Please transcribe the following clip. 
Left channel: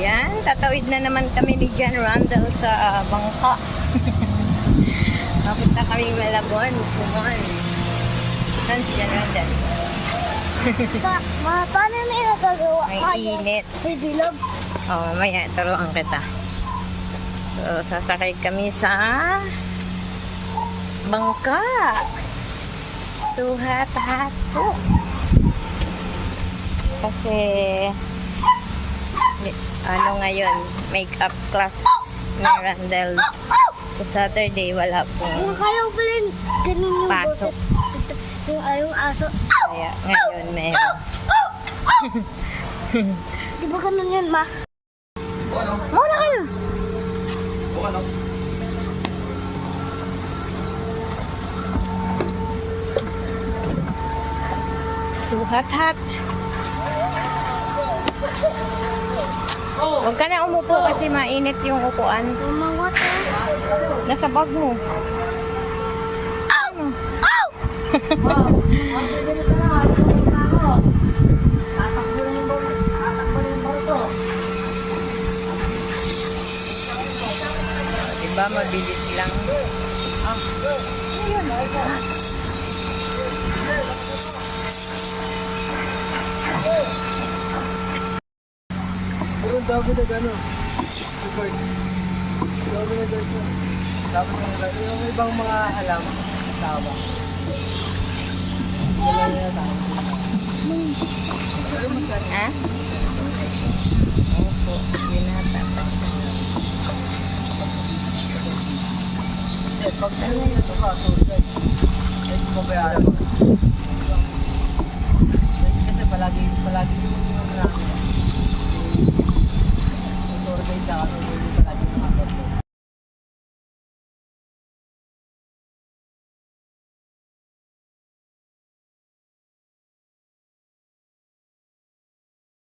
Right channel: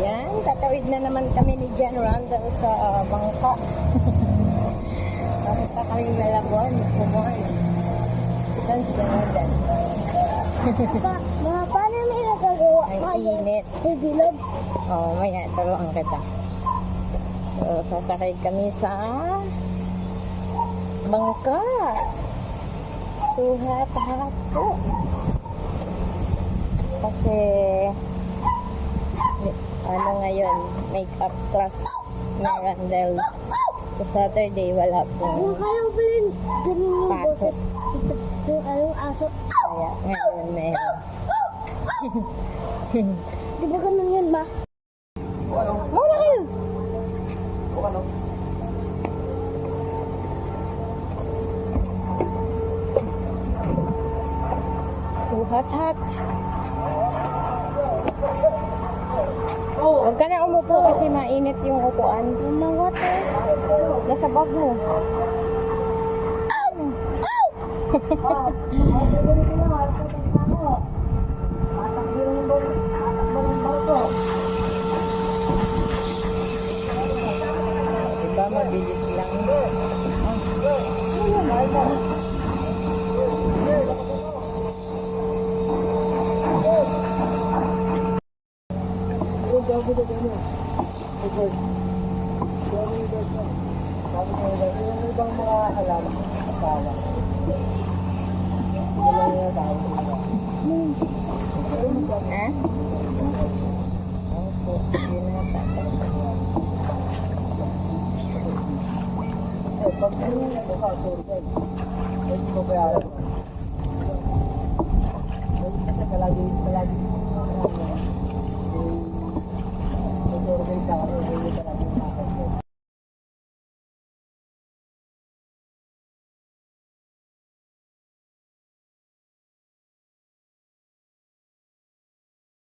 Yan, tatawid na naman kami ni John Randall sa bangka. Papunta kami Malabon, Kumon. Saan si John Randall? Paano may nagagawa? Ang init. May bilog. Oh, mamaya, turuan kita. So, sasakay kami sa bangka. Suhat-hat po. Kasi ano ngayon, makeup class ni Randall. Sa Saturday, wala pong Kaya ko rin ganun yung pasok. boses. Yung ayong aso. Kaya ngayon meron. Di ba ganun yun, ma? Muna kayo! Suhat-hat. Huwag ka na umupo kasi mainit yung upuan. Umangot eh. Nasa bag mo. Ano? Diba mabilis lang. Ah. Dami na gano'n. Agad. Dami na gano'n. Tapos yung ibang mga halaman. Tama. Wala na tao. Ha? Opo. Binata pa siya. Pag ano yung ito ka, tour guide. Ito ba bayaran mo?